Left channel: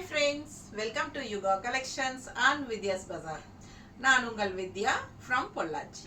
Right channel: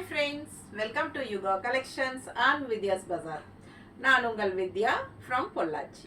Hi friends, welcome to Yuga Collections and Vidya's Bazaar. நான் உங்கள் வித்யா from Pollachi.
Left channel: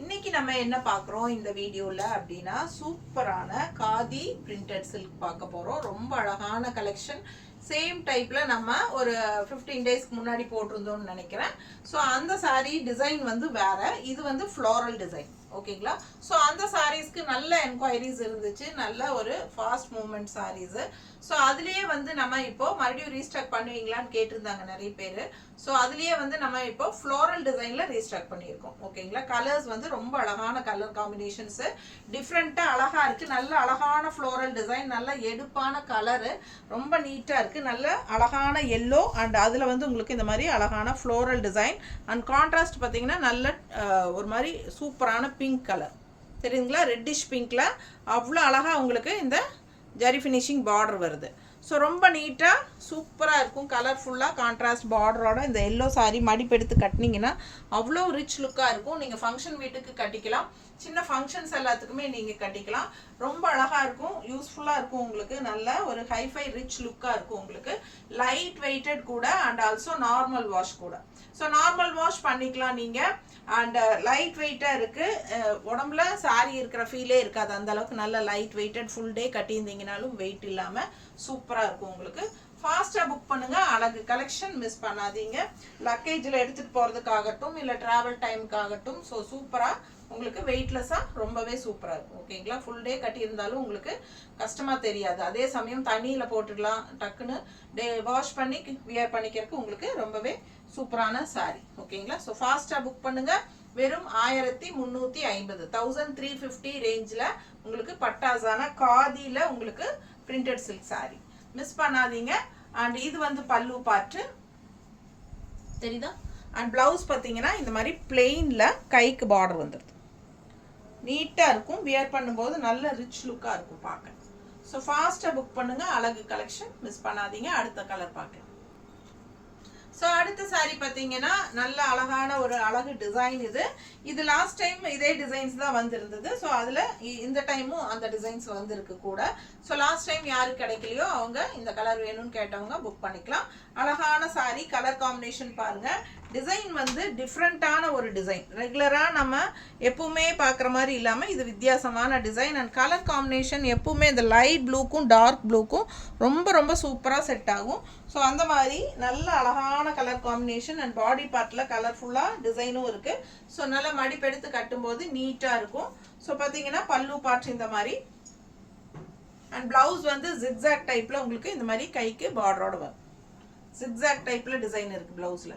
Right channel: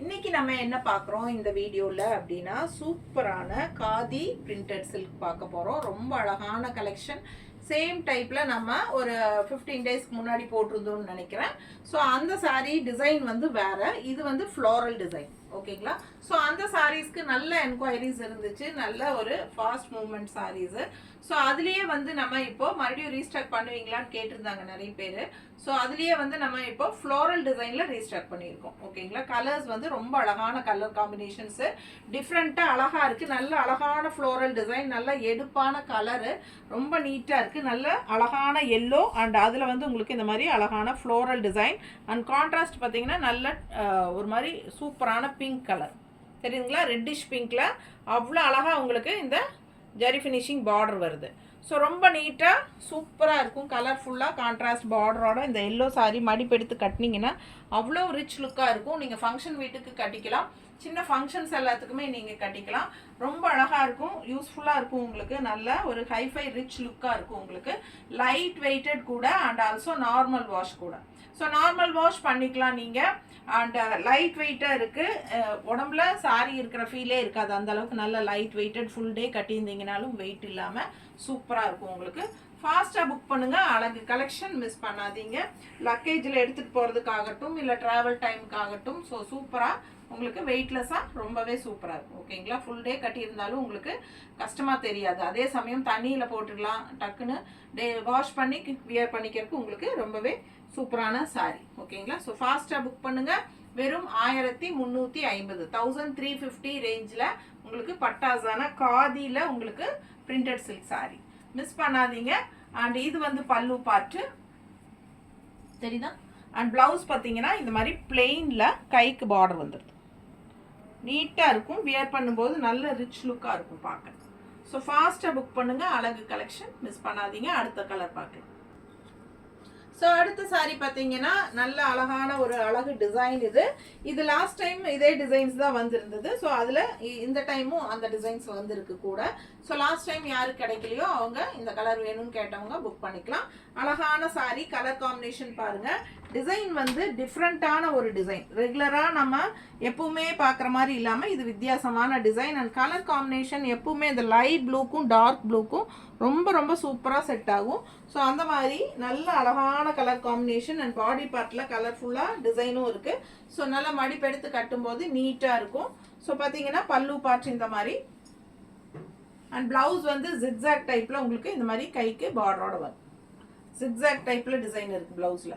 இன்னைக்கு நம்ம என்ன பார்க்குறோம் இந்த வீடியோவில் அப்படின்னா சூப்பரான காதி பிரிண்டட் சில்க் பார்க்க போகிறோம். ரொம்ப அழகான கலெக்ஷன். சேம் டைப்பில் நம்ம ஒரு 15 டேஸ்க்கு முன்னாடி போட்டிருந்தோம்னு நினைக்கிறேன். ஸோ அந்த saree டிசைன் வந்து வேறு, இது வந்து ஃப்ளோரல் டிசைன். ஓகேங்களா? ஸோ அந்த சாரீஸ்க்கு நல்ல என்கொயரிஸ் இருந்துச்சு, நல்ல ஒரு ஃபாஸ்ட் மூவ்மெண்ட் சாரீஸு. ஸோ அதுலேயே வந்து நம்ம இப்போ மறுபடியும் ரீஸ்டாக் பண்ணுவீங்களான்னு கேட்டிருந்தாங்க நிறைய பேர். ஸோ அதுலேயே வந்து நம்ம இப்போ ஃப்ளோரல் டிசைனில் ரீஸ்டாக் பண்ணியிருக்கோம். ஓகேங்களா? கலர்ஸ் வந்து ரொம்ப அழகான கலர் காம்பினேஷன்ஸு, டிஃப்ரெண்ட்டாக அழகாக இருக்குது. நல்ல அழகான ஃப்ளோரல் டிசைன், நல்ல எடுப்பான கலரு, ரொம்ப நீட்டாக இருக்குது. நல்ல அழகான எல்லோ அண்ட் அதில் வந்து உங்களுக்கு இந்த மாதிரி அழகான ஃப்ளோரல் டிசைன் அண்ட் கான்ட்ராஸ்ட் பார்த்தீங்கன்னா நல்ல ஒரு மாதிரி சூப்பரான பிங்க் கலர் தெரியுங்களா? ரெட்டிஷ் பிங்க்கில் அவ்வளோ அழகாக உங்களுக்கு இந்த ஜரி ஃபினிஷிங் பார்டர் வருது. ஸோ ரொம்ப நீட்டாக சூப்பராக இருக்கும். கலர்ஃபுல்லாக கான்ட்ராஸ்ட் பார்டரோட இந்த எல்லோ சாரீ மடிப்பெடுத்து கட்டினீங்கன்னா அவ்வளோ ரிச் லுக்காக இருக்கும். நீங்கள் ஃபங்க்ஷன் வீட்டுக்கு கட்டிக்கலாம், சின்ன ஃபங்க்ஷன்ஸ் எல்லாத்துக்குமே நீங்கள் கட்டிக்கலாம். ரொம்ப அழகாக இருக்கும், யூஸ்ஃபுல்லாக இருக்கும். உங்களுக்கு நல்ல ஒரு ஹைஃபை ரிச் லுக்காக இருக்கும். உங்களுக்கு லைட் வெயிட்டட் கூட அண்ட் ஆல்சோ நார்மல் வாஷ் கூட. ஸோ நார்மல் வாஷ் பண்ணிக்கலாம் நீங்கள். அண்ட் லைட் வெயிட்டாக இருக்குது, உடம்புல சாரி இருக்கிற ஃபீலே இருக்காது. அந்த அளவுக்கு நல்ல லைட் வெயிட்டட், ஃபுல் டே கட்டியிருந்தீங்கனாலும் வெயிட் இல்லாமல் சூப்பராக இருக்கும். உங்களுக்கு ஃபாஸ்ட்டாக புக் பண்ணுங்கள். அழகு கலெக்ஷன் மிஸ் பண்ணாதீங்க. லக்கேஜில் எடுத்துகிட்டு போகிறதுக்காகட்டும் இல்லை ட்ராவல் டைமுக்காகட்டும். ஸோ சூப்பராக உங்களுக்கு வெயிட்லெஸ்ஸாக ரொம்பவே சூப்பராக இருக்கும். ஓகேங்களா? ஃபுல் டே கட்டியிருந்தாலும் உங்களுக்கு கஷ்டமாக தெரியாது. அதே சமயம் தண்ணியில் போட்டுடலாம், டக்குன்னு வாஷ் பண்ணி வியர் பண்ணிக்கிறதுக்கு உங்களுக்கு ரொம்பவே சூப்பரான சாரி. ஓகேங்களா? ஸோ ஃபாஸ்ட்டாக புக் பண்ணுங்கள். வெறும் 1350 1350 ரேஞ்சில் உங்களுக்கு பட்டாசான காதியில் உங்களுக்கு பிரிண்டட் சில்க் சாரி மிஸ் பண்ணாதீங்க. அண்ட் இது வந்து பல்லு பார்ட்டு தெரியுதா? அண்ட் ப்ளவுஸ் பார்த்தீங்கன்னா இந்த மாதிரி பிளெயினில் கைக்கு பார்டர் வந்துடுது. நீட்டாக இருக்கும், வியர் பண்ணும்போது நல்ல ரிச் லுக்காக இருக்கும் பார்க்க. ஸோ ஃபாஸ்ட்டாக புக் பண்ணுங்கள். அழகு கலெக்ஷன் மிஸ் பண்ணாதீங்க. அடுத்த கலர் பார்க்கலாம். ஸோ அடுத்த சாரீ பார்த்தீங்கன்னா நல்ல அழகான ஒரு அழகு டிசைன். இது லாஸ்ட் டைம் இதே டிசைன்ஸ் தான் வந்திருந்தது. ஸோ அதில் இந்த டைமும் அந்த டிசைன்ஸ் வந்திருக்கு கூட. ஸோ லாஸ்ட் டைம் யாருக்கு கிடைக்கலையோ அவங்க இந்த கலர் வேணும்னு கேட்டவங்க புக் பண்ணிக்கலாம். அழகான சாரீ, கலர் காம்பினேஷன் பாருங்கள். டிசைன் வந்து டிஃப்ரெண்ட்டான ஒரு டிசைன், ரெகுலராக நம்ம எப்பவுமே பார்க்குற மாதிரி இல்லாமல் இது வித்தியாசமான டிசைன். அண்ட் கலர் காம்பினேஷன் எப்பவுமே இந்த லைட் ப்ளூக்கும் டார்க் ப்ளூக்கும் ரொம்ப ரொம்ப சூப்பராக செட் ஆகும். ஸோ அந்த மாதிரி நல்ல அழகான கலர் காம்பினேஷன் அண்ட் பாடி பார்ட்டில் கலர்ஃபுல்லாக டிசைனும் இருக்குது. ஸோ நல்லா மடிப்பெடுத்து கட்டும்போது நீட்டாக இருக்கும். ஸோ பார்த்தீங்கன்னா பல்லு பார்ட் இந்த மாதிரி அண்ட் ப்ளவுஸ் வந்து ஜிக்ஸாக் டைப்பில் உங்களுக்கு இந்த மாதிரி கைக்கு பார்டரோட வரும். ஜிக்ஸாக் டைப்பில் டிசைன் இருக்குது ப்ளவுஸில்.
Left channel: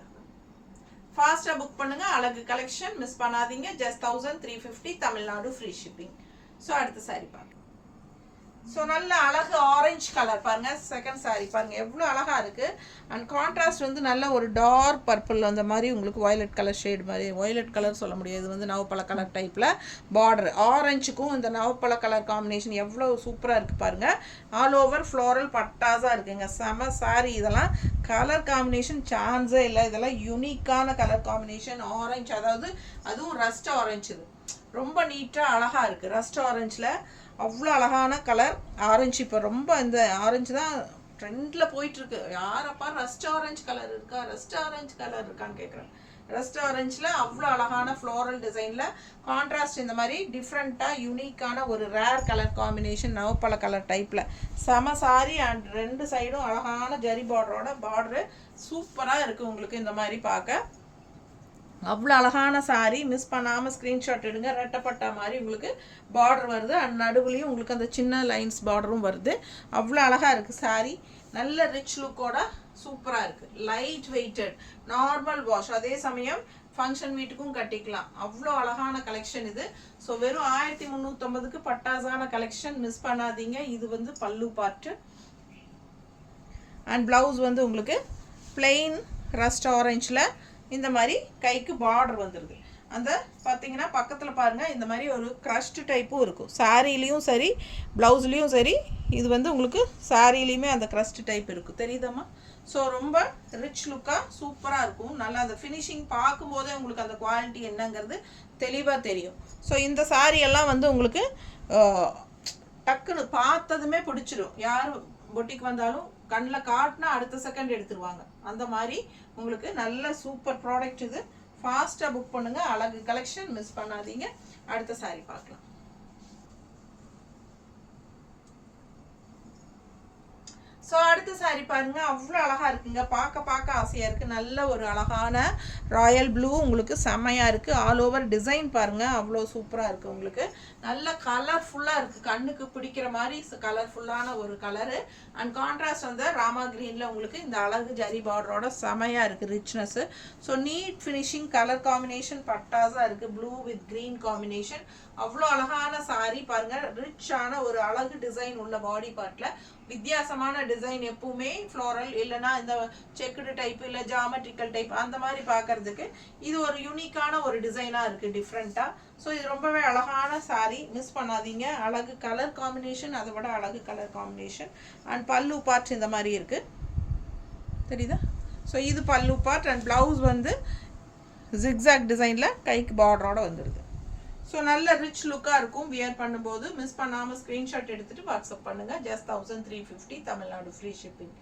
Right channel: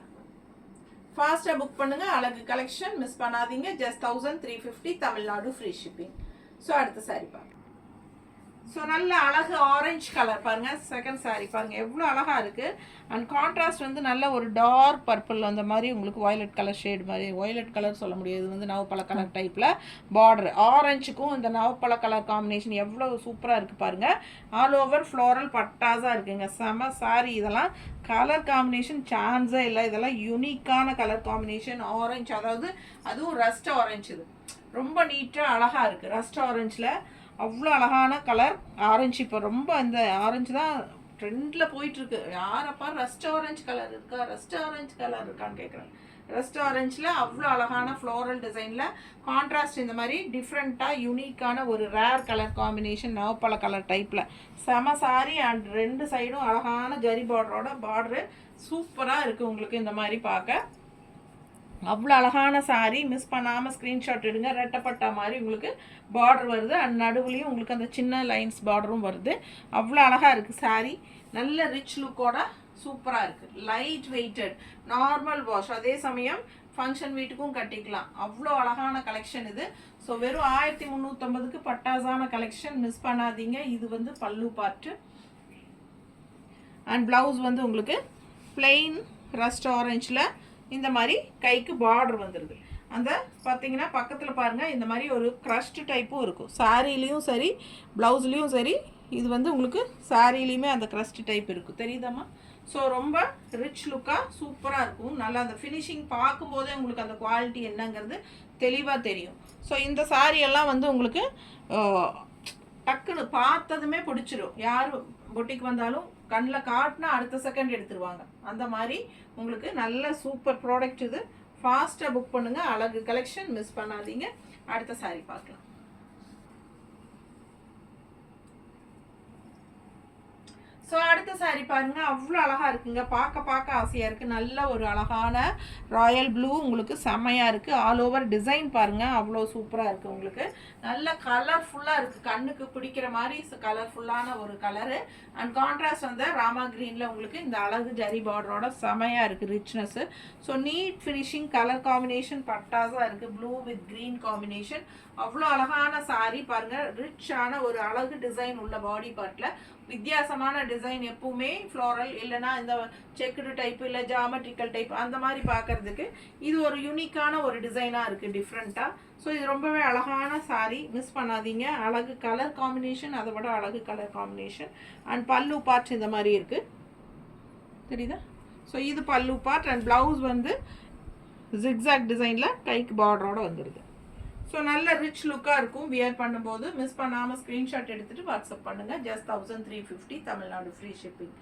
ஃபாஸ்ட்டாக புக் பண்ணுங்கள். அழகு கலெக்ஷன் மிஸ் பண்ணாதீங்க. Just 1350 Tamil Nadu free shipping. So அடுத்த சாரி பாருங்க. ஸோ நல்ல அழகு ஆரஞ்சு கலர் பாருங்கள். செகண்ட் சாரி பாருங்கள் எவ்வளோ அழகாக இருக்குது. அண்ட் கான்ட்ராஸ்ட் வந்து நல்ல ஒரு டார்க் பர்பிள் அந்த மாதிரி உங்களுக்கு வயலட் கலர் ஷேட் மாதிரி, வயலட் கலர் சொல்ல முடியாது, இது வந்து நவப்பழ கலர் டைப்பில் பார்டர். ஆரஞ்சுக்கும் இந்த நவப்பழ கலர் காம்பினேஷன் எவ்வளோ சூப்பராக இருக்குது பாருங்கள். ஆல் ஓவர் ஃப்ளோரல் பட்டாஸாக இருக்குங்க. செம சாரி. இதெல்லாம் கலர் காம்பினேஷன் சான்ஸே இல்லை. இதெல்லாம் யூனிக்கான கலர் காம்பினேஷன். ஆரஞ்சு, அதாவது அதுவும் ரஸ்ட் ஆரஞ்சு. இது ரொம்ப நீட்டாக அழகாக இருக்குது. ரஸ்ட் ஆரஞ்சில் அவ்வளோ அழகான கலர் ஆரஞ்சு. இப்போ ரொம்ப இந்த ஆரஞ்சு தான் ட்ரெண்டில் போயிட்டுருக்கு. யாரப்பா ரஸ்ட் ஆரஞ்சு கலர் இருக்கா, ரஸ்ட் ஆரஞ்சு கலர் இருக்கான்னு கேட்குறேன். ரஸ்ட் ஆரஞ்சில் அவ்வளோ அழகான ஃப்ளோரல் டிசைனில் கான்ட்ராஸ்ட் இந்த மாதிரி டிஃப்ரெண்ட்டாக யூனிக்கான ஒரு ரேர் கலர் காம்பினேஷன் நவப்பழ கலர் டைப்பில் செம சாரி. அண்ட் ரெண்டு சைடும் அழகான ஜரி பார்டரோட பார்டரு சூப்பராக இருக்குது உங்களுக்கு இந்த மாதிரி பார்க்க. அவ்வளோ அழகான சாரீ. மிஸ் பண்ணாமல் ஸ்க்ரீன்ஷாட் எடுங்க. ரெட்டப்பட்டா மாதிரி உங்களுக்கு பார்டர் வருது அண்ட் நடுவுலையும் உங்களுக்கு அந்த சின்ன லைன்ஸ் பார்டரும் வருது. அவ்வளோ அழகாக இருக்குது சாரீ. நல்ல ரிச் லுக்கோட சூப்பராக இருக்குது. லைட் வெயிட்டட், நார்மல் வாஷ், அதே சமயம் ஃபங்க்ஷன் வீட்டுக்கும் கட்டிக்கலாம். அவ்வளோ அழகான கலெக்ஷன் இது. ஸோ வெறும் 1350க்கு பட்டாசான கலெக்ஷன் மிஸ் பண்ணாதீங்க. இது வந்து பல்லு பார்ட்டு அண்ட் ப்ளவுஸ் வந்து உங்களுக்கு பிளெயின் ரஸ்ட் ஆரஞ்சில் இந்த மாதிரி கைக்கு பார்டர் வந்துடுது. அந்த பார்த்தீங்கன்னா பக்கத்தில் பாருங்கள் இந்த மாதிரி ஒரு க்ரஷ்டு டைப்பும் இருக்கும். சாரீலேயும் சரி ப்ளவுஸ்லேயும் சரி. இது வந்து உங்களுக்கு சாரீலேயுமே அந்த க்ரஷ்டு டைப் இருக்குது, தெரியுதாம்மா? ஸோ ரொம்ப ரிச் லுக்காக சூப்பராக இருக்கும். நல்லா அந்த ஃபினிஷிங் பார்க்கும்போதே உங்களுக்கு அந்த குவாலிட்டி என்னங்கிறது தெளிவாக தெரியும். ஸோ இந்த சாரீ எல்லாம் வந்து உங்களுக்கு டக்குன்னு பார்த்ததுமே பிடிச்சிடும். யார் பொட்டிக்கு வந்தாலும் கண்ணில் காட்டினா அடுத்த செகண்ட் எடுத்துருவாங்க. அந்த மாதிரி உங்களுக்கு நல்ல சூப்பர் ப்ராடக்ட் இது. ஃபாஸ்ட்டாக புக் பண்ணுங்கள். அழகு கலெக்ஷன் மிஸ் பண்ணாதீங்க. அடுத்த சாரி பார்க்கலாம். ஸோ அடுத்த சாரி பாருங்கள், அவ்வளோ அழகாக இருக்குங்க. பார்க்க ஆசையாக இருக்குது. நல்ல ஒரு அழகான ராயல் ப்ளூ, உங்களுக்கு செம்மையாக இருக்குது. ஆல் ஓவர் டிசைன் பாருங்கள், அவ்வளோ சூப்பராக இருக்குது. உங்களுக்கு நல்ல கலர்ஃபுல்லாக இருக்குது, கண்ணுக்கு பிடிக்கிற மாதிரி கலர்ஃபுல்லான ஒரு கலரு. அண்ட் கான்ட்ராஸ்ட் வந்து ராமா க்ரீனில் உங்களுக்கு இந்த அழகு ஜரி பார்டரோட செமையாக இருக்குது, richness. So neat finishing colour combination பட்டாஸாக இருக்குது. ப்ளூ வித் க்ரீன் காம்பினேஷன், அவ்வளோ அழகான சாரி பாருங்கள். ரிச்சான ஒரு அழகு டிசைன் உள்ள பாடி பார்ட்டில் வித்தியாசமான டிசைன். எப்பவுமே ஃப்ளோரல் இல்லைனா இந்த செக்குடு டைப் இல்லை ஜாமெட்ரிக்கல் டைப் அந்த மாதிரி பார்க்கறதுக்கு இது ஒரு யூனிக்கான ஒரு டிசைனாக இருக்குது, டிஃப்ரெண்ட்டாக. ஸோ இது ரொம்பவே அழகான சாரி, மிஸ் பண்ணாதீங்க. அழகு கலர் காம்பினேஷன், அதை விட அழகு கலர் காம்பினேஷன். அண்ட் பல்லு பார்ட் இந்த மாதிரி இருக்குது, தெரியுதா? ஸோ இது பல்லு பார்ட். அண்ட் ப்ளவுஸ் வந்து ஜிக்ஸாக் டிசைனில் கைக்கு பார்டரோடு வந்துடுது. ஸோ நல்ல ரிச் லுக்காக இருக்கும் வியர் பண்ணும்போது. மிஸ் பண்ணாமல் ஸ்க்ரீன்ஷாட் எடுத்துகிட்டு வாட்ஸ்அப் பண்ணுங்கள். Just 1350 Tamil Nadu free shipping.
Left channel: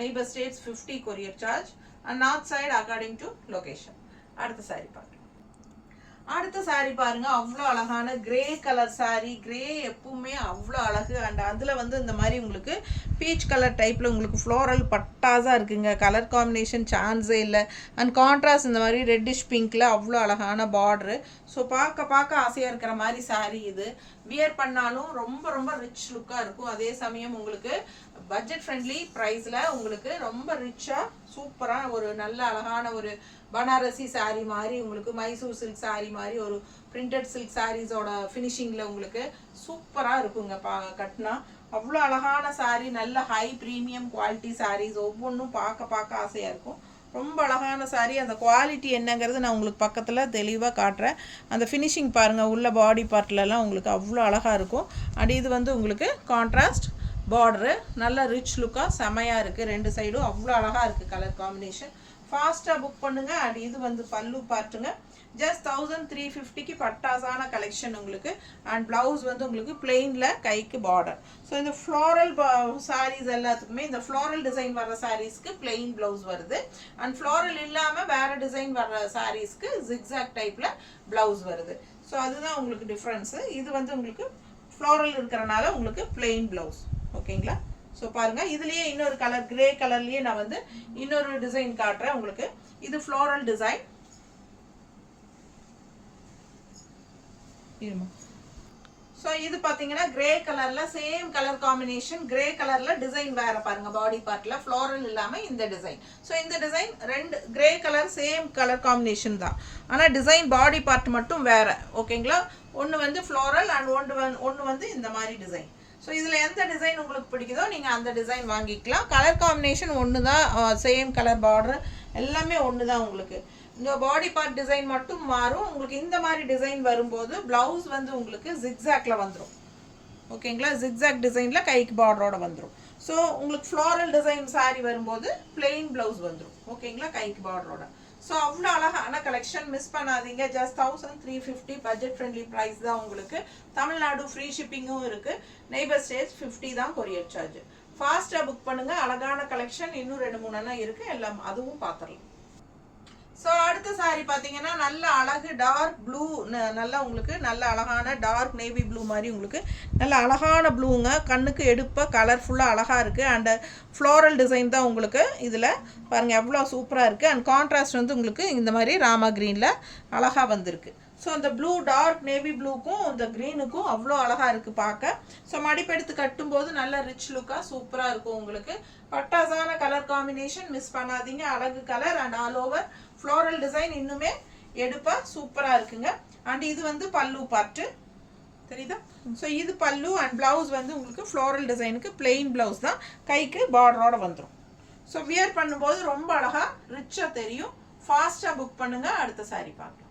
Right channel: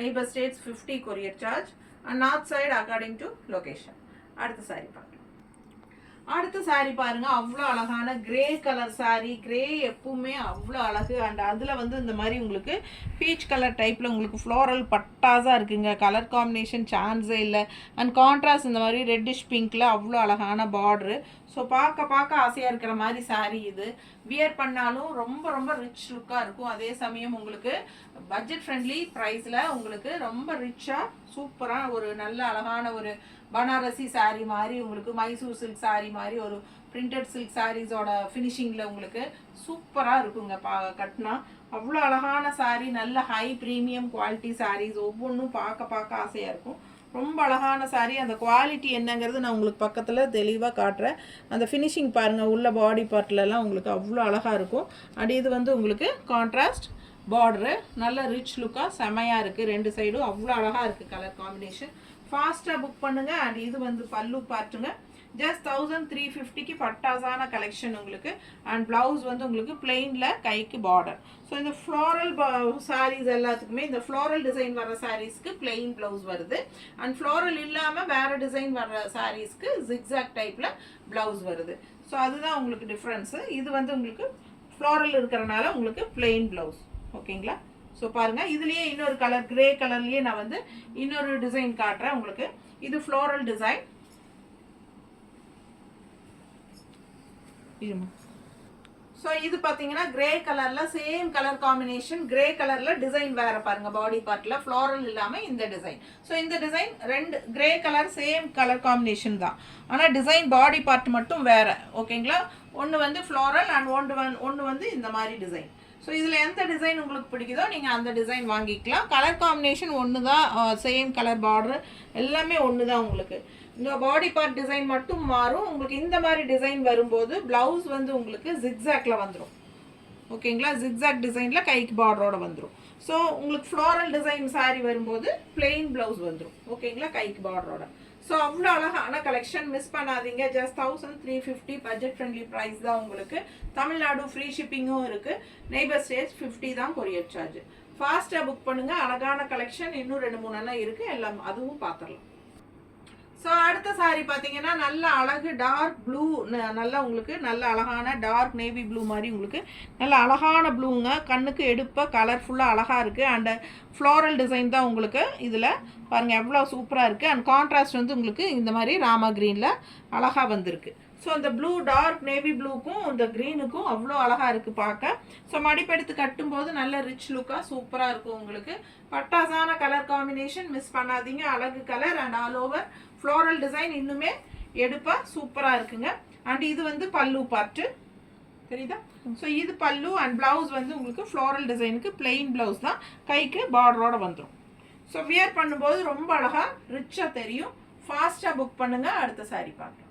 Neighbour states 50 courier charge. And north side according to location. அடுத்த சாரி பார்க்கலாம். அடுத்த சாரி பாருங்கள், அவ்வளோ அழகான கிரே கலர் சாரி. கிரே எப்பவுமே அவ்வளோ அழகு. அண்ட் அதில் வந்து இந்த மாதிரி உங்களுக்கு பீச் கலர் டைப்பில் உங்களுக்கு ஃப்ளோரல் பட்டாஸாக இருக்குங்க. கலர் காம்பினேஷன் சான்ஸே இல்லை. அண்ட் கான்ட்ராஸ்ட் இந்த மாதிரி ரெட்டிஷ் பிங்க்கில் அவ்வளோ அழகான பார்ட்ரு. ஸோ பார்க்க ஆசையாக இருக்கிற மாதிரி சாரி இது. வியர் பண்ணாலும் ரொம்ப ரொம்ப ரிச் லுக்காக இருக்கும். அதே சமயம் உங்களுக்கு பட்ஜெட் ஃப்ரெண்ட்லி ப்ரைஸில் உங்களுக்கு ரொம்ப ரிச்சாக சூப்பராக ஒரு நல்ல அழகான ஒரு பனாரசி சாரீ மாதிரி, உங்களுக்கு மைசூர் சில்க் சாரீ மாதிரி ஒரு பிரிண்டட் சில்க் சாரீஸோட ஃபினிஷிங்கில் உங்களுக்கு சூப்பராக இருக்குங்க. கட்டினா அவ்வளோ அழகான சாரீ. நல்ல ஹை ப்ரீமியம் குவாலிட்டி சாரீஸ். ஒவ்வொன்றும் பார்க்க ஆசையாக இருக்கும். ரொம்ப அழகான சாரீ. அந்த குவாலிட்டி என்னங்கிறது நான் உங்களுக்கு பக்கத்தில் தெளிவாக காட்டுறேன். அந்த ஃபினிஷிங் பாருங்கள், உள்ள பாடி பார்ட்லலாம் உங்களுக்கு அவ்வளோ அழகாக இருக்கும். அண்ட் இது வந்து உங்களுக்கு கான்ட்ராஸ்ட் பார்டரு, நல்ல ரிச் லுக்காக செமையாக இருக்குது. ரெண்டு சைடும் அவ்வளோ அழகாக இருக்குது கலர் காம்பினேஷன். ஃபாஸ்ட்டாக புக் பண்ணுங்கள். அண்ட் இது வந்து பல்லு பார்ட்டுங்க. ஜஸ்ட் 1350க்கு பட்டாசான கலெக்ஷன் உங்களுக்கு. அண்ட் ப்ளவுஸ் வந்து உங்களுக்கு பிளெயினில் கைக்கு பார்டர். ஸோ இந்த ஃப்ளோரல் சாரீஸ் எல்லாத்துக்குமே இந்த ஃப்ளோரல் டிசைன் வர சாரீஸ்க்கு பிளெயின் ப்ளவுஸ் வருது. அண்ட் ஃப்ளோரல் இல்லாமல் வேறு டிசைன் வர சாரீஸ்க்கு ஜிக்ஸாக் டைப்பில் ப்ளவுஸ் வருது. ஸோ அதுதான் உங்களுக்கு டிஃப்ரென்ஸு. இது வந்து உங்களுக்கு ஃப்ளோரல் இருக்கிறனால உங்களுக்கு பிளெயின் ப்ளவுஸ். ஓகேங்களா? ஸோ பாருங்கள், இதுலேயே இன்னொரு கலர் கிரே கலர்லேயே நான் வந்து இன்னொரு டிசைன் காட்டுறேன் உங்களுக்கு. இது ஃப்ளோரல் டிசைன். ஸோ இது பார்த்தீங்கன்னா கிரே கலரில் சேம் கலர் காம்பினேஷன். கிரே கலரில் டிசைன் வேறு பாருங்கள், பாடி பார்ட்டில் ஃப்ளோரல் இல்லாமல் இந்த டிசைன். ஸோ இந்த டிசைன் ரெண்டு grey colour same colour combination தான், ஆனால் டிசைன் பாடி பார்ட் மட்டும் வேறு. ஓகேங்களா? ஒன்று வந்து ஃப்ளோரல் அண்ட் ஒன்று வந்து இந்த மாதிரி டிசைன். ஸோ இதில் எந்த டிசைன் உங்களுக்கு பிடிக்குதோ நீங்கள் அந்த டிசைன் வாங்கிக்கலாம். கலர் காம்பினேஷன் ஒன்று தான், சேம் கலர் பார்டர் எல்லாமே ஒன்று தான். உங்களுக்கு இந்த பாடி பார்ட் டிசைன் மட்டும் மாறும். உங்களுக்கு இந்த மாதிரி டிசைன் வரும்போது ப்ளவுஸ் வந்து உங்களுக்கு ஜிக்ஸாக்ல வந்துடும். ஓகேங்களா? ஜிக்ஸாக் டிசைனில் கைக்கு பார்டரோட வந்துடும். ஸோ உங்களுக்கு ஃப்ளோரல் டிசைன் சாரி வரும்போது பிளெயின் ப்ளவுஸ் வந்துடும். ஓகேங்களா? கைக்கு பார்டரோட. ஸோ அவ்வளோ அழகான கலெக்ஷன், மிஸ் பண்ணாதீங்க. ஜஸ்ட் 1350 பட்ஜெட் ஃப்ரெண்ட்லி ப்ரைஸ் தான் உங்களுக்கு. தமிழ்நாடு ஃப்ரீ ஷிப்பிங்கும் இருக்குது. நெய்பர் ஸ்டேட்ஸ் 50 தான் கொரியர் சார்ஜ். ஃபாஸ்ட்டாக புக் பண்ணுங்கள். அழகான கலெக்ஷன் இன்னும் 2-3 இருக்குது, எல்லாம் அதுவும் பார்த்துடலாம். ஸோ அடுத்த சாரி பார்த்தீங்கன்னா நல்ல அழகு டார்க் ப்ளூ, நல்லா உங்களுக்கு நல்ல அழகான டார்க் நேவி ப்ளூ மாதிரி உங்களுக்கு நல்ல அழகான ப்ளூங்க. கண்ணுக்கு எடுப்பாக கலர்ஃபுல்லாக அழகாக இருக்குது. அண்டு ஃப்ளோரல் டிசைன் தான் உங்களுக்கு இதில் பாருங்கள், எவ்வளோ சூப்பராக இருக்குது. அண்ட் கான்ட்ராஸ்ட் வந்து உங்களுக்கு இந்த மாதிரி ராமா க்ரீனில் அழகாக வந்திருக்கு. ஸோ அந்த ப்ளூ டார்க் நேவி ப்ளூக்கும் இந்த க்ரீனுக்கும் அவ்வளோ அழகாக இருக்குது பார்க்க. ஸோ மடிப்பெடுத்து கட்டும்போது நல்ல ரிச் லுக்காக சூப்பராக இருக்கும் உங்களுக்கு. பட்டாசான கலர் காம்பினேஷன், மிஸ் பண்ணாதீங்க. அழகு colour and all over floral design இன்னுமே எடுப்பாக சூப்பராக இருக்குங்க. அண்ட் இது வந்து பல்லு பார்ட்டு, தெரியுதா? ஸோ இது பல்லு அண்ட் ப்ளவுஸ் வந்து உங்களுக்கு ஃப்ளோரல் டிசைனுக்கு பிளெயின் ப்ளவுஸ் தான், கைக்கு பார்டரோட வந்துடும். ஸோ வியர் பண்ணும்போது ரொம்ப அழகாக ரிச்சாக தெரியும். ஃபாஸ்ட்டாக புக் பண்ணுங்கள். அடுத்த சாரி பார்க்கலாம்.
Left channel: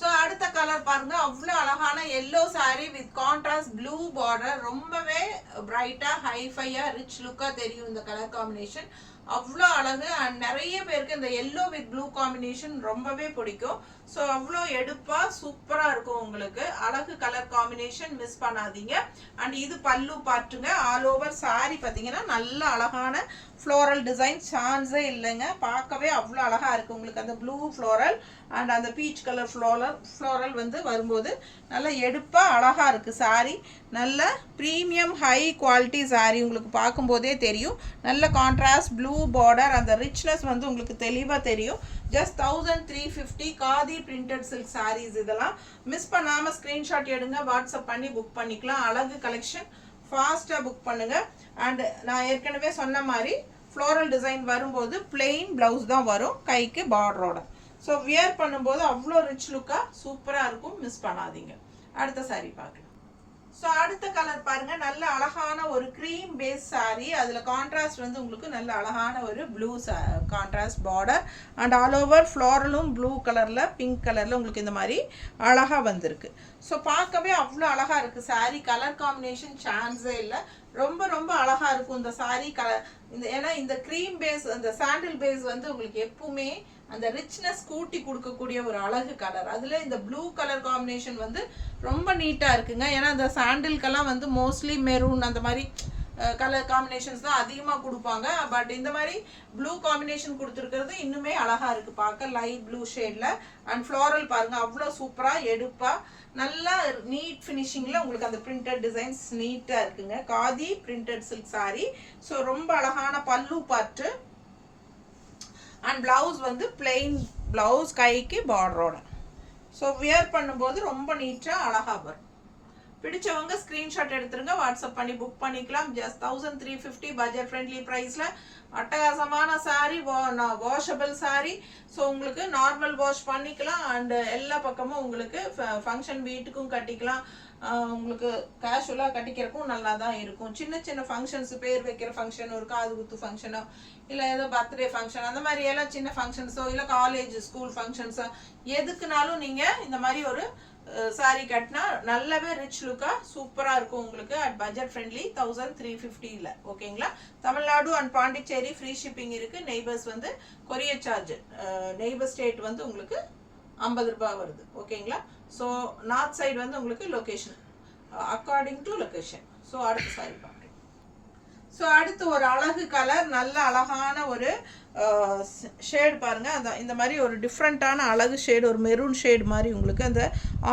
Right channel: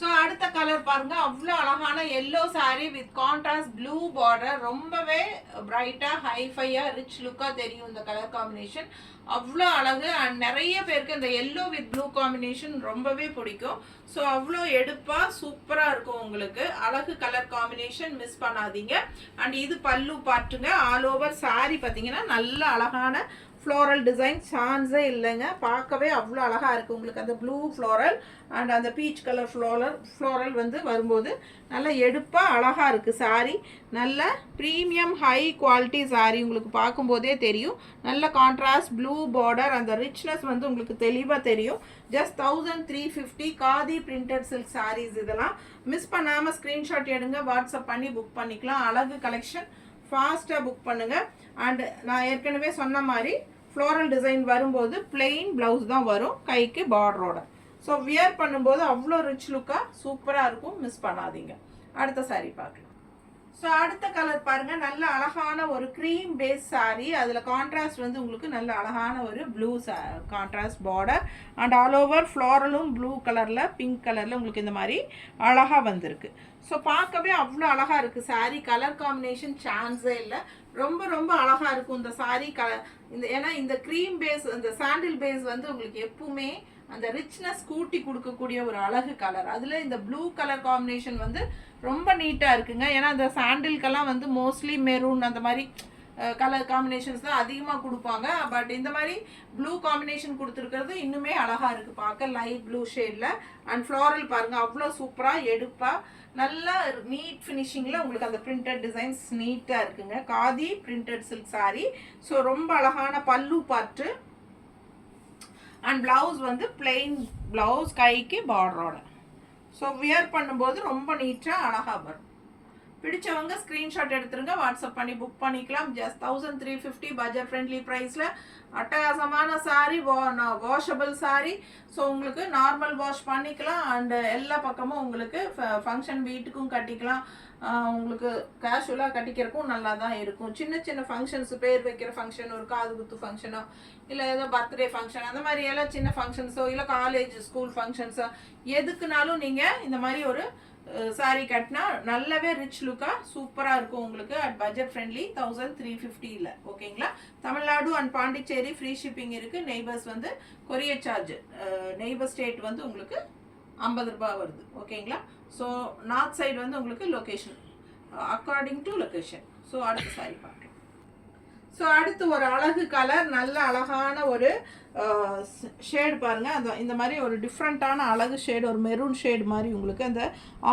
ஸோ அடுத்த கலர் பாருங்க, அவ்வளோ அழகான yellow sari with contrast blue border. ரொம்பவே பிரைட்டா ஹைஃபையா ரிச் லுக்கா தெரியும் இந்த கலர் காம்பினேஷன். அவ்வளோ அழகு. அண்ட் நிறைய பேருக்கு இந்த எல்லோ வித் ப்ளூ காம்பினேஷன் ரொம்பவே பிடிக்கும். ஸோ அவ்வளோ எடுப்பாக சூப்பராக இருக்கும் உங்களுக்கு. அழகு கலர் காம்பினேஷன், மிஸ் பண்ணாதீங்க. அண்ட் இது பல்லு பாட்டுங்க. ஆல் ஓவர் சாரி பார்த்தீங்கன்னா நல்ல அழகான ஃப்ளோரல் டிசைன், சான்ஸே இல்லைங்க. பார்க்கவே அவ்வளோ அழகாக இருக்குது உங்களுக்கு. அந்த ப்ளூ ஃப்ளோரல் அண்ட் அந்த பீச் கலர் ஃப்ளோரல் வந்து வரும்போது நல்ல எடுப்பாக அழகாக இருக்குது சாரீ. நல்ல ப்ரீமியம் ஹை குவாலிட்டி சாரீ, உங்களுக்கு பார்க்கும்போதே தெரியும். நல்ல கான்ட்ராஸ்ட் ப்ளூ பார்டர், அந்த ரிச்னஸ் வந்து உங்களுக்கு தெளிவாக தெரியும். Just 1350 khadi printed silk saris. இதெல்லாம் மிஸ் பண்ணாமல் ஸ்க்ரீன்ஷாட் எடுங்க, வாட்ஸ்அப் பண்ணி புக் பண்ணிக்கலாம். அழகு கலெக்ஷன், ஃபாஸ்ட்டாக புக் பண்ணுங்கள். அண்ட் நான் ஏற்கனவே சொன்ன மாதிரி ஃப்ளோரல் டிசைன் வரும்போது பிளெயின் ப்ளவுஸ் தான் வரும், கைக்கு பார்டரோட. ஸோ வியர் பண்ணும்போது அவ்வளோ ரிச் லுக்காக சூப்பராக இருக்கும், மிஸ் பண்ணாதீங்க. அடுத்த சாரீ பார்க்கலாம். ஸோ அடுத்த கலர் பாருங்க, நல்ல அழகான ஒரு க்ரீம் பேஸ் சாரீ. அதில் கான்ட்ராஸ்ட் வந்து உங்களுக்கு நல்ல அழகான ஒரு blue contrast border and all over ஃப்ளோரலும் ப்ளூ கலரில் பிங்க் கலரில் உங்களுக்கு இந்த மாதிரி அழகாக வந்திருக்கு. ஸோ பார்க்கவே அவ்வளோ அழகாக இருக்குது சாரீ. கலர் காம்பினேஷன் சான்ஸே இல்லை, ரொம்ப ரொம்ப அழகாக இருக்கும் இந்த சாரீ கலர். ஏன்னா இந்த க்ரீம் பேஸ், இந்த சாண்டில் பேஸ் வந்து உங்களுக்கு எப்பவுமே அந்த ரிச்னஸ் கூட்டி கொடுக்கக்கூடிய ஒரு அழகு கலர். அதில் இந்த ப்ளூ கலர் காம்பினேஷன் வந்து ரொம்ப நீட்டாக இருக்குங்க. ஏன்னா அந்த சாண்டில்கெல்லாம் வந்து மோஸ்ட்லி மெரூன் அந்த மாதிரி கலர் காம்பினேஷன்ஸ் தான் அதிகமாக கொடுப்பாங்க. பட் இந்த மாதிரி ப்ளூ காம்பினேஷன் கொடுத்துருக்கிறது இன்னுமே அழகாக இருக்குது பார்க்க, லைட் ப்ளூ ஷேடில். அண்ட் ஃப்ளோரல் பாருங்கள், அவ்வளோ சூப்பராக எடுப்பாக நல்லா நீட் ஃபினிஷிங்கில் உங்களுக்கு அந்த பிரிண்டட் டிசைன்ஸ் நீட்டாக இருக்குங்க. Khadi printed silk sari. So ரொம்ப அழகான பல்லு பாட்டு அண்ட் ப்ளவுஸ் வந்து பிளெயின் ப்ளவுஸ், கைக்கு பார்டரோட. ஸோ வியர் பண்ணும்போது ரொம்ப நீட்டாக அழகாக வரும். பிடிச்சவங்க ஸ்க்ரீன்ஷாட் எடுத்துருங்க, வாட்ஸ்அப் பண்ணி புக் பண்ணிக்கலாம். ஜஸ்ட் 1350 பட்ஜெட் ஃப்ரெண்ட்லி ப்ரைஸில் அட்டகாசமான சாரீ, வாஷபிள் சாரீ. ஸோ உங்களுக்கு நார்மல் வாஷ் பண்ணிக்கலாம். அண்டு எல்லா பக்கமும் உங்களுக்கு ஃபங்க்ஷன் வீட்டுக்கும் கட்டிக்கலாம், உங்களுக்கு கேஷுவலாக கட்டிக்கிறக்கும் நல்லா தான் இருக்கும். சின்ன சின்ன ஃபங்க்ஷன்ஸ், பேர் வைக்கிற ஃபங்க்ஷன், ஒரு காது குத்து ஃபங்க்ஷனோ இல்லை ஏதோ பர்த்டே ஃபங்க்ஷன், அந்த மாதிரி எல்லாம் சின்ன ஃபங்க்ஷன்ஸோ இல்லை காலேஜ் ஸ்கூல் ஃபங்க்ஷன்ஸோ எதுக்குனாலும் நீங்கள் இந்த மாதிரி ஒரு சாரீ கட்டினா நல்லாவே ரிச் லுக்காக சூப்பராக இருக்கும் உங்களுக்கு. அட் பட்ஜெட் ஃப்ரெண்ட்லி 1350 ஓகேங்களா. Tamil Nadu and Pondicherry free shipping இருக்குது. நெய்பர்ஸ் வந்து கொரியர் சார்ஜ், நெய்பர் ஸ்டேட் வந்து உங்களுக்கு 50 ரூபாய் வருது, ஓகேங்களா. ஸோ நார்த் சைடு வந்து உங்களுக்கு location, according to location. So அடுத்த சாரீ பார்க்கலாம். ஸோ அடுத்து ஒரு அழகு கலர், நல்ல அழகான ஒரு ஷேடு பாருங்கள். அந்த இந்த மாதிரி ஒரு டிஃப்ரெண்ட்டான அழகு ஷேடு, ஒரு மெரூன் ஷேடு மாதிரி உங்களுக்கு அந்த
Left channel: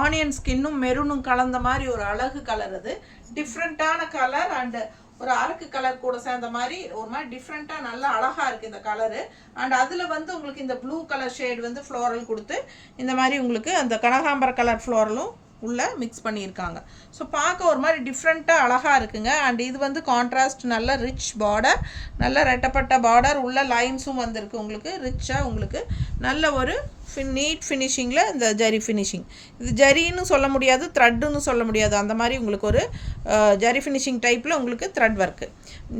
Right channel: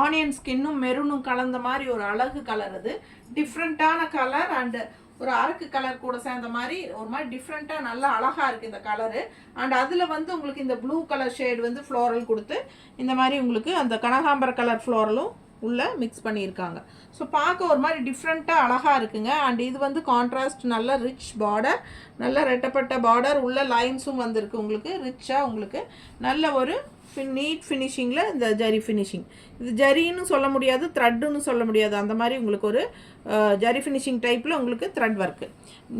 ஆனியன் ஸ்கின்னும் மெரூனும் கலந்த மாதிரி ஒரு அழகு கலர். அது டிஃப்ரெண்ட்டான கலர் அண்டு ஒரு அரக்கு கலர் கூட சேர்ந்த மாதிரி ஒரு மாதிரி டிஃப்ரெண்ட்டாக நல்லா அழகாக இருக்குது இந்த கலரு. அண்ட் அதில் வந்து உங்களுக்கு இந்த ப்ளூ கலர் ஷேடு வந்து ஃப்ளோரல் கொடுத்து இந்த மாதிரி உங்களுக்கு அந்த கனகாம்பர கலர் ஃப்ளோரலும் உள்ளே மிக்ஸ் பண்ணியிருக்காங்க. ஸோ பார்க்க ஒரு மாதிரி டிஃப்ரெண்ட்டாக அழகாக இருக்குங்க. அண்ட் இது வந்து கான்ட்ராஸ்ட் நல்ல ரிச் பார்டர், நல்ல ரெட்டப்பட்ட பார்டர், உள்ள லைன்ஸும் வந்திருக்கு உங்களுக்கு ரிச்சாக. உங்களுக்கு நல்ல ஒரு நீட் ஃபினிஷிங்கில் இந்த ஜரி ஃபினிஷிங், இது ஜரின்னு சொல்ல முடியாது, த்ரெட்டுன்னு சொல்ல முடியாது, அந்த மாதிரி உங்களுக்கு ஒரு ஜரி ஃபினிஷிங் டைப்பில் உங்களுக்கு த்ரெட் ஒர்க்கு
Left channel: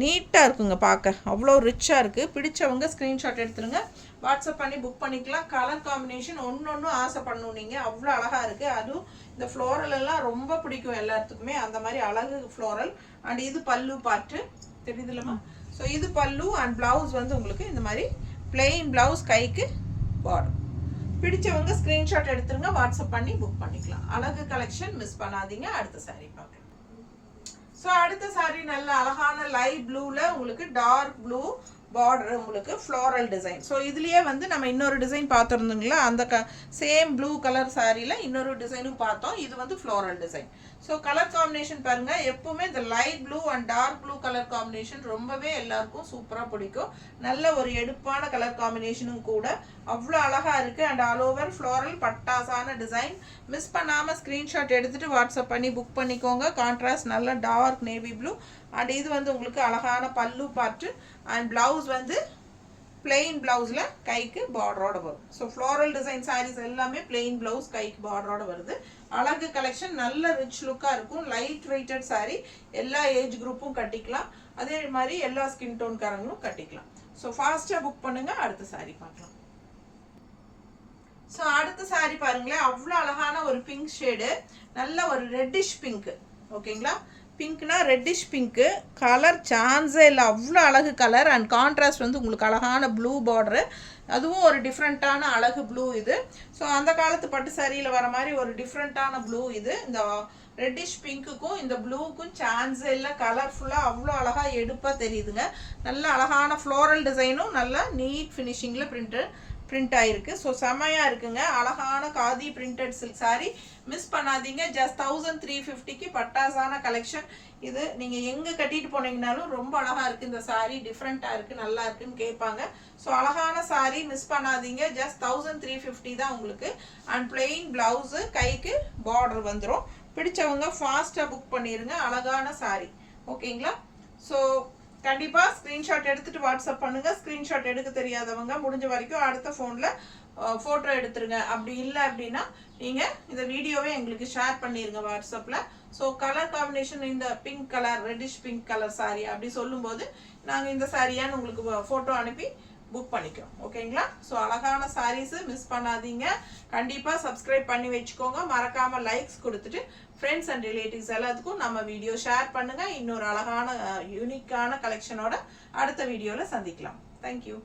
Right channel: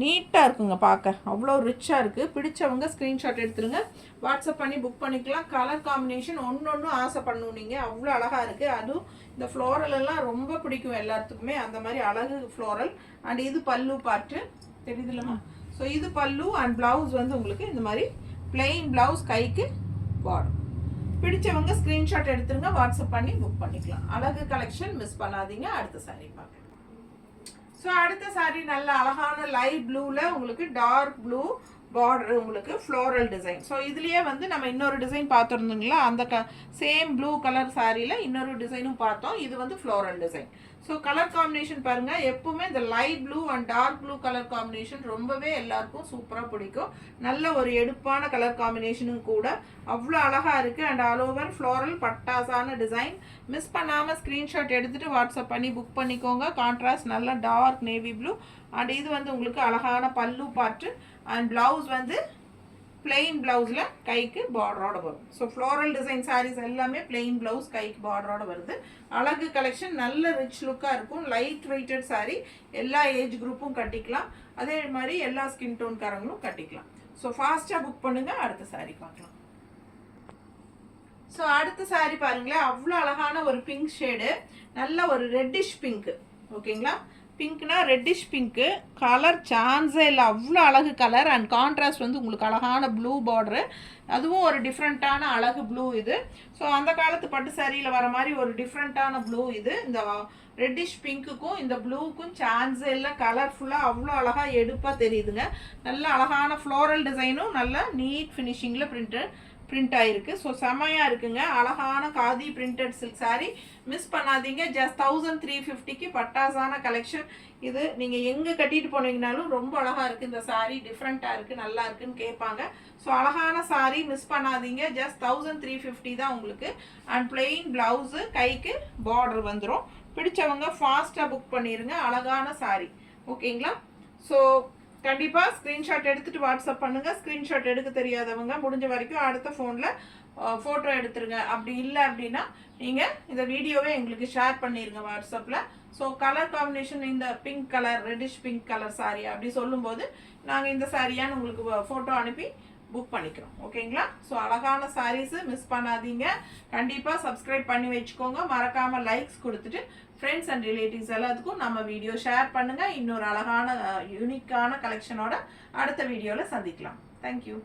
நீட்டாக இருக்குங்க. பார்க்க அவ்வளோ ரிச்சாக இருக்குது. பிடிச்சவங்க ஸ்க்ரீன்ஷாட் எடுத்துருங்க, வாட்ஸ்அப் பண்ணி புக் பண்ணிக்கலாம். கலர் காம்பினேஷன் ஒன்று ஆசைப்படணும் நீங்கள், அவ்வளோ அழகாக இருக்குது. அதுவும் இந்த ஃப்ளோரல் எல்லாம் ரொம்ப பிடிக்கும் எல்லாத்துக்குமே, அந்த மாதிரி அழகு ஃப்ளோரல். அண்ட் இது பல்லு பாட்டு தெரியுதுல்லம்மா. ஸோ இது பல்லு அண்ட் ப்ளவுஸ் வந்து உங்களுக்கு இந்த மாதிரி பிளெயின் ப்ளவுஸ், கைக்கு பார்டர். பிடிச்சவங்க ஸ்க்ரீன்ஷாட் எடுத்துருங்க, வாட்ஸ்அப் பண்ணி புக் பண்ணிக்கலாம். அழகு கலெக்ஷன், மிஸ் பண்ணாதீங்க. அடுத்த சாரீ பார்க்கலாம். ஸோ அடுத்த சாரீ நல்ல அழகான லைட் ப்ளூவில் உங்களுக்கு டார்க் ப்ளூ பார்டர், உங்களுக்கு ஃப்ளோரல் டிசைன். ஸோ இதுலேயே வந்து நம்ம இன்னொரு டிசைன் பார்த்துருந்தோங்களா, அந்த சேம் ப்ளூ கலர் சாரியில் இன்னொரு டிசைனும் பார்த்தோம். இது வந்து floral design. So colour combination பாருங்கள், எப்பவுமே இந்த light blue and dark blue colour combination ரொம்பவே எல்லாருக்கும் சூப்பராக பிடிக்கும். நல்ல ஒரு எடுப்பான கலர் காம்பினேஷனும் கூட, அவ்வளோ அழகாக இருக்குது. அண்ட் ஆல் ஓவர் ஃப்ளோரல் பட்டாசான டிசைன். மிஸ் பண்ணாமல் ஸ்க்ரீன்ஷாட் எடுத்துகிட்டு வாட்ஸ்அப் பண்ணி புக் பண்ணிக்கோங்க. கான்ட்ராஸ்ட் நல்ல டார்க் நேவி ப்ளூ. அண்ட் இது வந்து உங்களுக்கு அழகான பல்லு பாட்டு அண்ட் ப்ளவுஸ் வந்து பிளெயின் ப்ளவுஸில் கைக்கு பார்டரோட வரும். ஸோ ஃப்ளோரல் டிசைன் சாரீஸ் எல்லாமே பிளெயின் ப்ளவுஸ், கைக்கு பார்டரோட வருது. அழகு கலெக்ஷன், நல்ல ரிச் லுக்காக இருக்கும். லைட் வெயிட்டட் சாரீ, எல்லா ஏஜ் குரூப்பும் கட்டிக்கலாம், அதே மாதிரி எல்லா ஸ்கின் டோன்காரங்களும் கட்டிக்கலாம். ஸோ ஃபாஸ்ட்டாக புக் பண்ணுங்கள். அடுத்த சாரீ பார்க்கலாம். ஸோ அடுத்த saree பாருங்களேன், அவ்வளோ அழகான ஒரு பிங்க் ஷேடு, நல்ல ஒரு ரெட்டிஷ் பிங்க். ஓகேங்களா, பிங்க்னா ரெட்டிஷ் பிங்க்கு கலர் சான்ஸே இல்லை, அவ்வளோ அழகு கலர். அண்ட் கான்ட்ராஸ்ட் வந்து உங்களுக்கு அழகான ப்ளூ பார்டரு, அதுவும் ஒரு டிஃப்ரெண்ட்டான அழகு ப்ளூ இது. ஸோ அந்த காலத்து பட்டு சாரியில் வர மாதிரி ஒரு டிஃப்ரெண்ட்டான ப்ளூ இது. இந்த ரெட்டிஷ் பிங்க்குக்கும் இந்த ப்ளூக்கும் சான்ஸே இல்லை, கலர்ஃபுல்லாக அவ்வளோ அழகாக எடுப்பாக தெரியுதுங்க. நல்ல அழகான ஃப்ளோரல் டிசைனும் நல்ல நீட் ஃபினிஷிங்கில் பிரிண்ட் ஆகிருக்கு. ஸோ செம்மையாக இருக்குங்க, அழகான khadi printed silk sari. Miss பண்ணாதீங்க. ஜஸ்ட் 1350க்கு பட்டாசான கலெக்ஷன் இது. நீங்கள் எங்கே கட்டிட்டு போனீங்கனாலும் ரொம்ப அழகாக இருக்குது இந்த சாரீ, டிஃப்ரெண்ட்டாக இருக்குது, நல்லா இருக்குன்னு கேட்பாங்க. ஸோ அழகான சாரீ மிஸ் பண்ணாதீங்க. ஜஸ்ட் 1350 தான் உங்களுக்கு. அண்ட் பிளெயின் ப்ளவுஸு, கைக்கு பார்டர் வந்துடும். பிடிச்சவங்க ஃபாஸ்ட்டாக புக் பண்ணிடுங்க. அழகான சாரீ. ஓகேங்களா, ஸோ கண்டிப்பாக ஸ்க்ரீன்ஷாட் எடுத்துகிட்டு வாட்ஸ்அப் பண்ணுங்கள். ஸ்க்ரீன்ஷாட் எடுக்க தெரியாதவங்க முடிஞ்ச வரைக்கும் அடுத்த ஃபோனில் ஃபோட்டோ எடுத்துருங்க. அப்படி இல்லை அப்படின்னா நீங்கள் இந்த வீடியோவே எங்களுக்கு ஷேர் பண்ணிடுங்க வாட்ஸ்அப்பில். ஸோ கலர் காம்பினேஷன் இந்த pink colour, reddish pink colour sari அப்படி சொல்லும்போது நாங்கள் இந்த சாரியான்னு உங்களுக்கு ஃபோட்டோ அனுப்பி புக் பண்ணிக்கிறோம். ஓகேங்களா, ஸோ அழகான சாரீஸு மிஸ் பண்ணாதீங்க. கண்டிப்பாக சப்ஸ்கிரைப் பண்ணி வச்சுக்கோங்க. மறக்காமல் லைக்ஸ் கொடுத்துட்டு ஃப்ரெண்ட்ஸ் அண்ட் ரிலேட்டிவ்ஸ் எல்லாத்துக்கும் நம்ம வீடியோ ஷேர் பண்ணுங்கள். இன்னொரு அழகான யூனிக்கான கலெக்ஷனோட அடுத்த வீடியோவில் சந்திக்கலாம். தேங்க்யூ.